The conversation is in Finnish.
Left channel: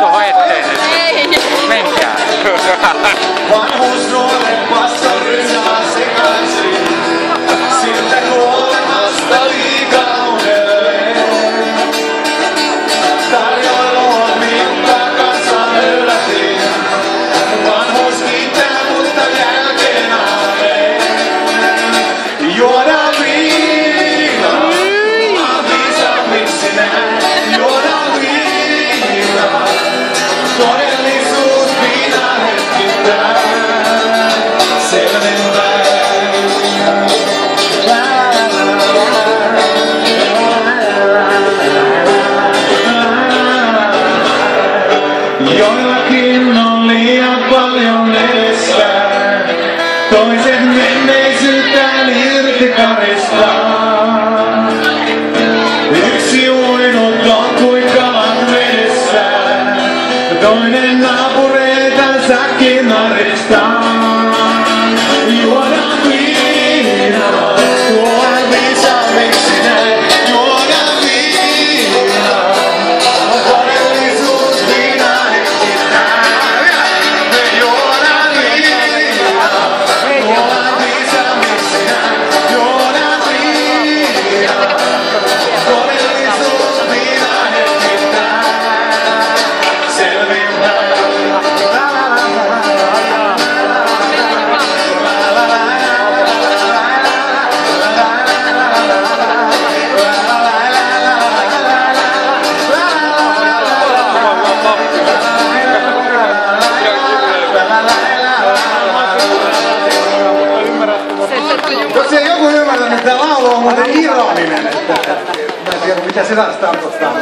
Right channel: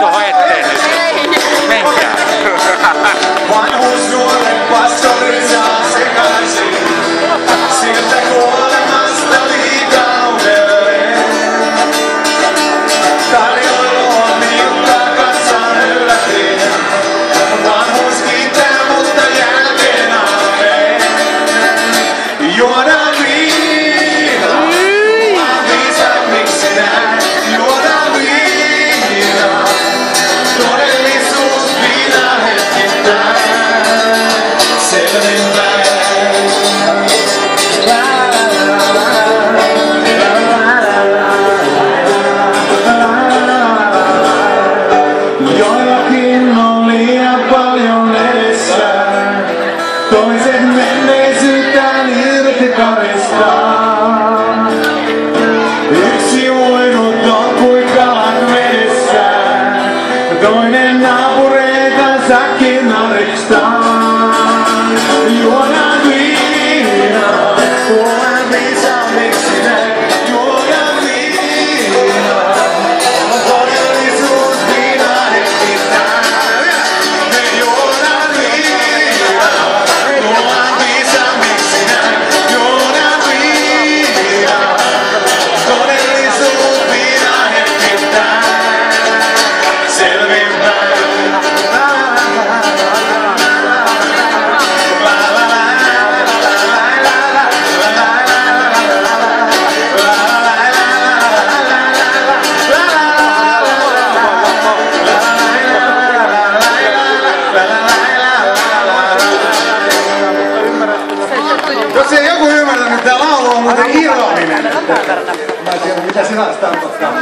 tuohon eteen nyt. Menkää. Vanhuus nuorempaa sorinaa sekaisin. Siltä kuolemasta liikaudelle. Tarjoilu on minkä kanssa yllätin. Vanhuus kiittää, mutta jälkeen alle. Juodaan viinaa. Vaan viisammiksi näin. Juodaan viinaa. Todellisuus viinaa hetkittäin. Selvinpäin. Joillakin on liian paljon edessä. Toiset menneisyyttään irti karistaa. Yksi uinut on kuin kalan vedessä. Toinen naapureitansakin naristaa. Juodaan viinaa, juodaan viisaamiksi näin. Juodaan viinaa, todellisuus viinaa hetkittäin. Juodaan viinaa, juodaan viisaamiksi näin. Juodaan viinaa, todellisuus viinaa hetkittäin. Selvinpäin. Jos ei joku ymmärtänyt, että laulu on muuten ironinen. Mä en tiedä mitä se taas tarkoittaa.